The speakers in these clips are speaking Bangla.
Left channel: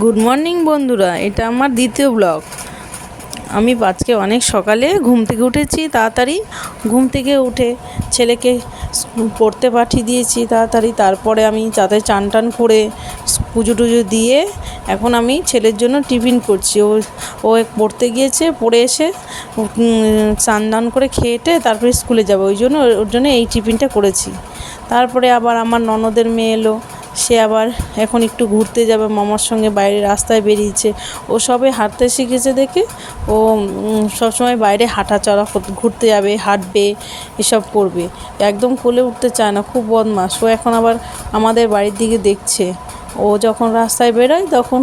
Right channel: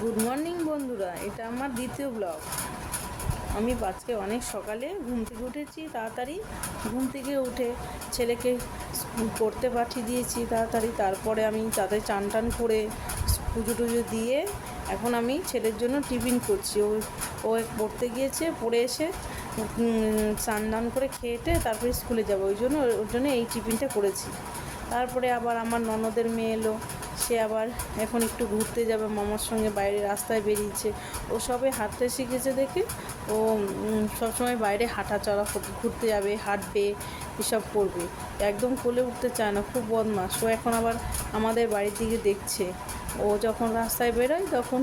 গুড মর্নিং বন্ধুরা। এটা আমার দ্বিতীয় ব্লগ আমি আজকে অনেক সকালে ঘুম থেকে উঠেছি, তাড়াতাড়ি। ঘুম থেকে উঠে ছেলেকে পড়তে পাঠিয়ে দিয়েছি তাড়াতাড়ি। তারপরে আমি তাতে চান টান করে পুজো টুজো দিয়ে এখন আমি ছেলের জন্য টিফিন করছি। ও ও পড়তে গিয়েছে, পড়ে এসে চান দান করে খেয়েটে তারপরে স্কুলে যাবে। ওই জন্য ওর জন্য এই টিফিনটা করেছি। তারপরে আবার আমার ননদের মেয়ে এলো। সে আবার এখন একটু ঘুরতে যাবে, মামার সঙ্গে বাইরে রাস্তায় বেরিয়েছে। ও সবে হাঁটতে শিখেছে দেখে, ও সবসময় বাইরে হাঁটা চলা ঘুরতে যাবে, হাঁটবে, এসব করবে। একদম কোলে উঠতে চায় না, খুব বদমাস ও এখন আবার আমাদের বাড়ির দিকে দেখছে। ও যখন রাস্তায় বেরোয় তখন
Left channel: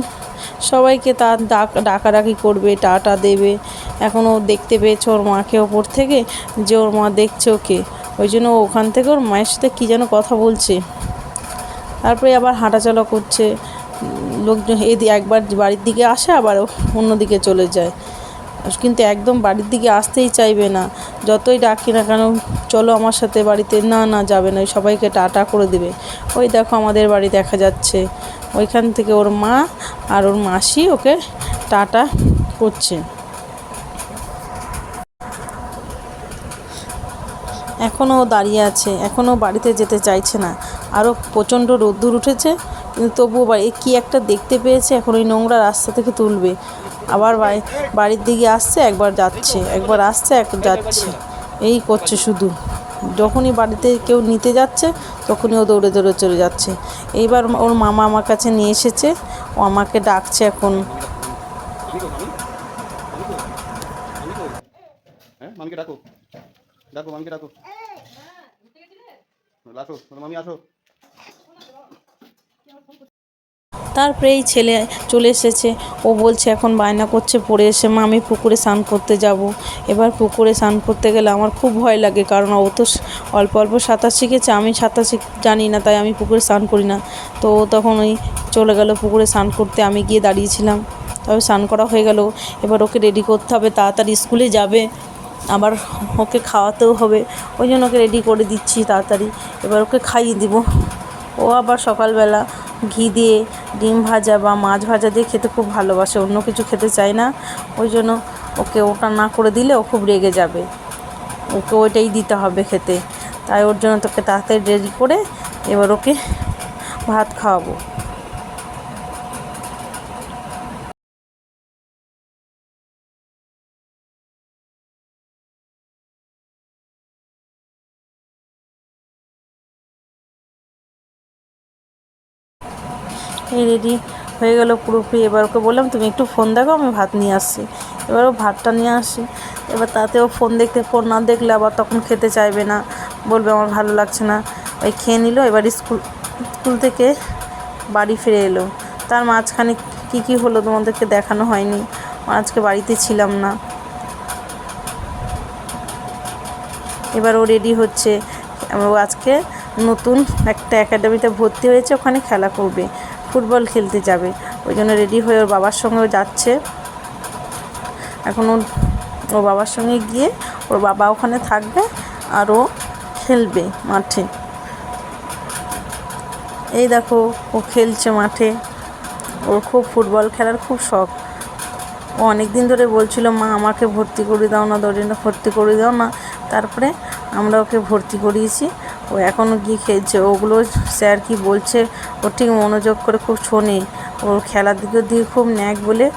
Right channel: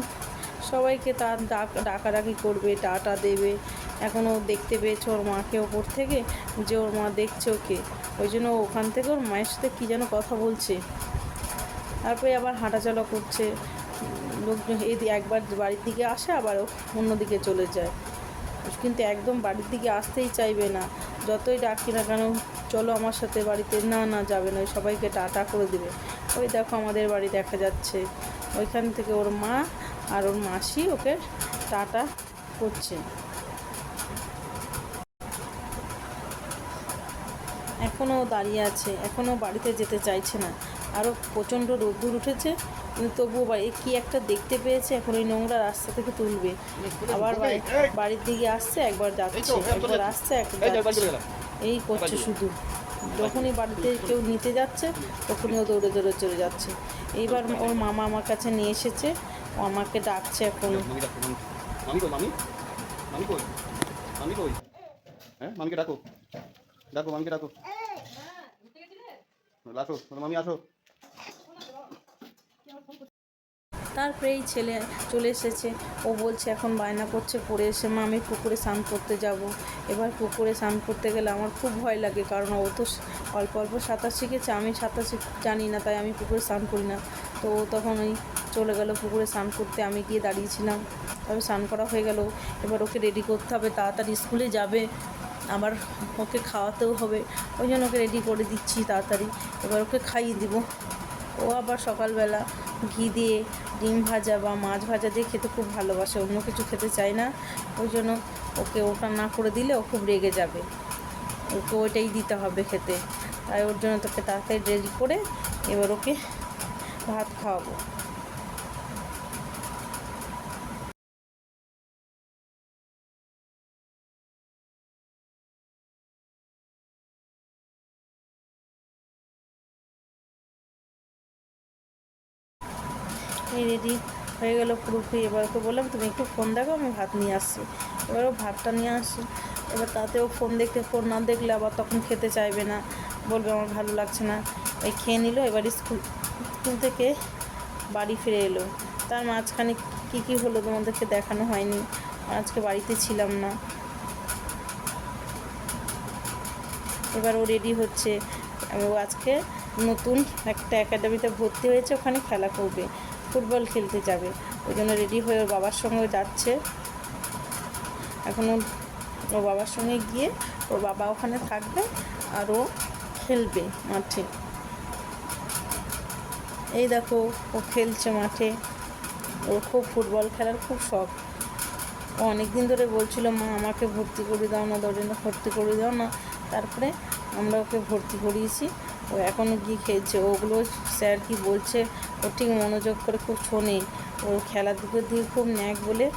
সবাইকে তার ডাক, ডাকাডাকি করবে, টাটা দেবে। এখন ও দেখতে পেয়েছে ওর মাকে ওপর থেকে, যে ওর মা দেখছে ওকে। ওই জন্য ওখান থেকে ওর মায়ের সাথে কী যেন কথা বলছে। তারপরে আবার হাঁটাচলা করছে। লোকজন এদি একবার বাড়ির দিকে আসে, আবার অন্যদিকে চলে যায়। কিন্তু একদম বাড়ির দিকে আসতেই চাইবে না। যতই ডাকি না কেন, চলো আমার সাথে বাড়িতে। না না, যাবে না। সবাইকে টাটা করে দেবে। ওই দেখো আমাদের বাড়ি দেখা যাচ্ছে। ওইখান থেকে ওর মা আর ওর মাসি ওকে টাটা করছে। এখনও দাঁড়িয়ে আছে। এখনও বাড়িতে যেতে চাইছে না। আরও প্রচণ্ড রোদ্দুর উঠেছে। কিন্তু তবুও বাড়ি কী একটা দেখতে পেয়েছে এখন ওই নোংরা রাস্তা থেকে তুলবে। আবার বাড়ি বাড়ির দিকে আসছে একবার যাচ্ছে একবার আসছে এক যাচ্ছে। এই করছে শুধু। যখনই বাড়িতে কেউ নিতে যাচ্ছে তখনই ও দৌড়ে দৌড়ে চলে যাচ্ছে। এইবার ওর মামা আমার কাছে নিয়ে এসেছে ও আমাকে ডাকছে এখন। হ্যাঁ মামিকে ডাকো। ডাকো মামিকে ডাকো। আসো মামি আসো। তারপরে এই ছেলে চলে এসেছে। ও বলছে, এখন বায়না করছে, পড়ে এসে, মা, আমি পুকুরে স্নান করতে যাব। এবার পুকুরে স্নান করতে গেলে আমার খুব ভয় লাগে, কারণ ও তো অল্প অল্প সাঁতার শিখেছে। আমি সাঁতার শিখ, জানি না, তাই আমি পুকুরে স্নান করি না। তো ও তখন ওই চলে গেল পুকুরে স্নান করতে, আমি গিয়ে দাঁড়িয়েছিলাম। তবে স্নান করা হয়ে গেল। এবার ওকে রেডি করতে হবে, তাড়াতাড়ি স্কুলে যাবে। আবার ওকে খাওয়াতেও হবে। ওই জন্য ওকে রেডি করে দিচ্ছি তাড়াতাড়ি। এবার ওকে খাইয়ে দিব। ও আবার সকালবেলা ঘি দিয়ে, ডিম ভাজা বা মাছ ভাজা দিয়ে খেতে খুব ভালোবাসে, অন্য কিছু খেতে চায় না। ওই জন্য ওকে ওটা না করে দিলে ও খুব রেগে যাবে। ওকে ওইটাই দিতে হবে খেতে। তাই ওর জন্য তোকে তাড়াতাড়ি রেডি করে এবার ওকে ভাত খাওয়াবো। রেডি হয়ে গেল পুরোপুরি। এবার ওকে বললাম, তুমি একটু ফোন দেখো, আমি ভাত নিয়ে আসছি। এবার ও ভাতটা নিয়ে আসি। এবার তাতে ও ফোন দেখতে ফোন না দেখলে আবার তখন খেতে চাইবে না। বলবে, আমার ভালো লাগছে না। ওই খেয়ে নিল। এবার স্কুল স্কুল থেকে বাড়ি ফিরে এলো। তার মাঝখানে কী কী হলো তোমাদেরকে দেখানো হয়নি। আজকে বাড়িতে ছিলাম না। এবার ও রেডি হচ্ছে। ও আজকে নতুন একটা একাডেমিতে ভর্তি হয়েছে। ওখানে খেলা করবে। ফুটবল খেলতে যাবে। ওই জন্য রেডি হয়ে ওর বাবার সঙ্গেও যাচ্ছে। এখন ওর ওর বাবার সঙ্গে গিয়ে ওর বাবা ওখানে থাকবে আর ও খেলবে মাঠে। এই দেখো, ও খেলছে মাঠে। ওর খুব ফুটবল খেলার খুব শখ। ও অনেক দিন ধরে বলছিল, মা, আমাকে ভর্তি করে দাও না দরিনা ভর্তি করে দাও না। তারপরে আমরা ওকে ভর্তি করিয়েছি। ও এখনও গিয়ে খেলছে? ওগুলো স্যার কি বলছে? ও ঠিক মনোযোগ করে খুব শোনে। ওর খেলার দিকে খুব ন্যাক বলে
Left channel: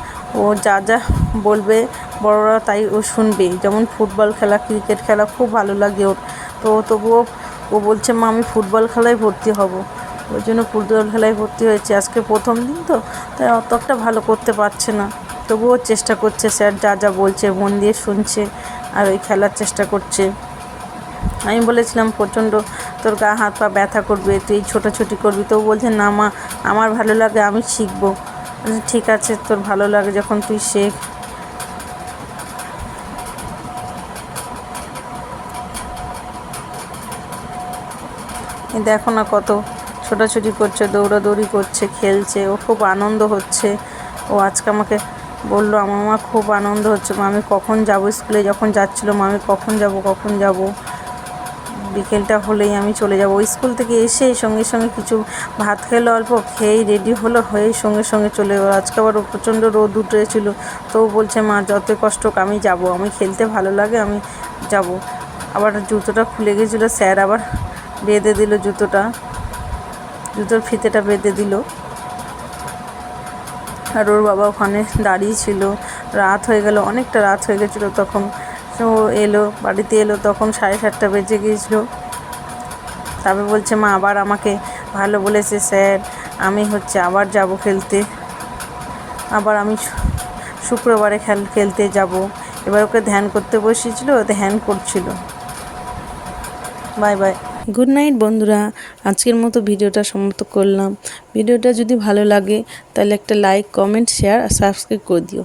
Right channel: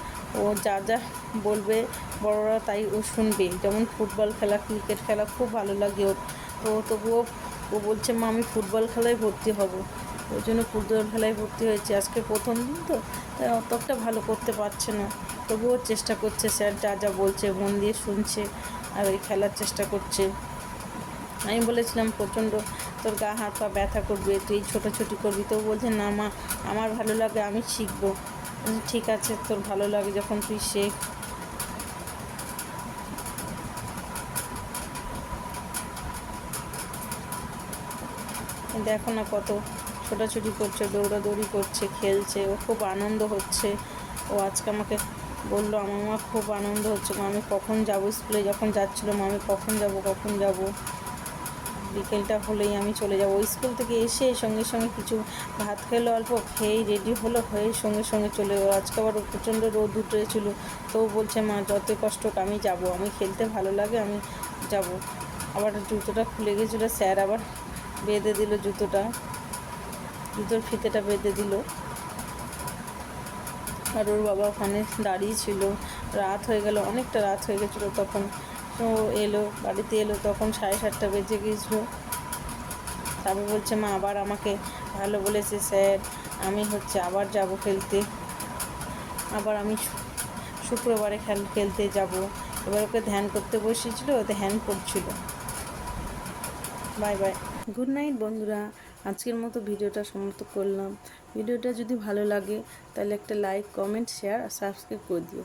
ও যা যা বলবে বড়রা তাই ও শুনবে। যেমন ফুটবল খেলা, ক্রিকেট খেলা খুব ভালো লাগে ওর। তো তবুও ও বলছে, মা, আমি ফুটবল খেলায় ভর্তি হব। ওই জন্য ফুটবল খেলায় ভর্তি হয়েছে। আজকে প্রথম দিন তো, তাই অত একটা ভালো করতে পারছে না। তবুও চেষ্টা করছে স্যার, যা যা বলছে, মন দিয়ে শুনছে আর ওই খেলার চেষ্টা করছে। আমি বলেছিলাম, প্রচণ্ড তোর গা, হাত, পা ব্যথা করবে, তুই ছোটাছুটি করবি। তো বলছে, না মা, আমার ভালো লাগে, আমি শিখব। ঠিক আছে, তোর ভালো লাগে যখন তুই শেখ। দেখো না কত ছোটাছুটি করছে, দৌড়াদৌড়ি করছে, খেলছে, ও খুব আনন্দ হচ্ছে। ও আজকে আমাকে বলল, আমার মা খুব আনন্দ হচ্ছে, মা, আমি কখন যাব স্কুলে? যখন যাচ্ছিল, মা, আমি কখন যাব কখন যাব? বিকেলটা হলেই আমি চলে যাব। স্কুল থেকে এসে সঙ্গে সঙ্গে কিছু ভাত খেলো অল্প, খেয়েই রেডি হলো, হয়েই সঙ্গে সঙ্গে চলে গেলো। আজকে আবার প্রচণ্ড রোদ উঠেছিল, তো বলছে, মা যত কষ্ট আমি যাব। আমি খেলতে ভালো লাগে, আমি যাব। আবার জুতোটা খুলে গেছিল, স্যার আবার বেঁধে দিল জুতোটা, জুতোর ফিতেটা বেঁধে দিল। আর ওর বাবা ওখানে দাঁড়িয়ে ছিল। রাত হয়ে গেল, অনেকটা রাত হয়ে গেছিল তখন। এলো, বাড়িতে এলো, তখন সাড়ে সাতটা বেজে গিয়েছিল। তারপর বলছে, মা, আবার আমাকে ভালো বলেছে, স্যার, আমি হচ্ছে আবার যাব খেলতে। আবার আমি শুক্রবারে খেল, খেলতে যাব। এবার ওকে ধ্যান করতে বসেছিল ও ধ্যান করছিল। Bye bye. গুড নাইট বন্ধুরা, আজকের মতো ভিডিওটা সমাপ্ত করলাম। ভিডিওটা যদি ভালো লাগে, তাহলে একটা লাইক, কমেন্ট, শেয়ার আর সাবস্ক্রাইব করে দিও।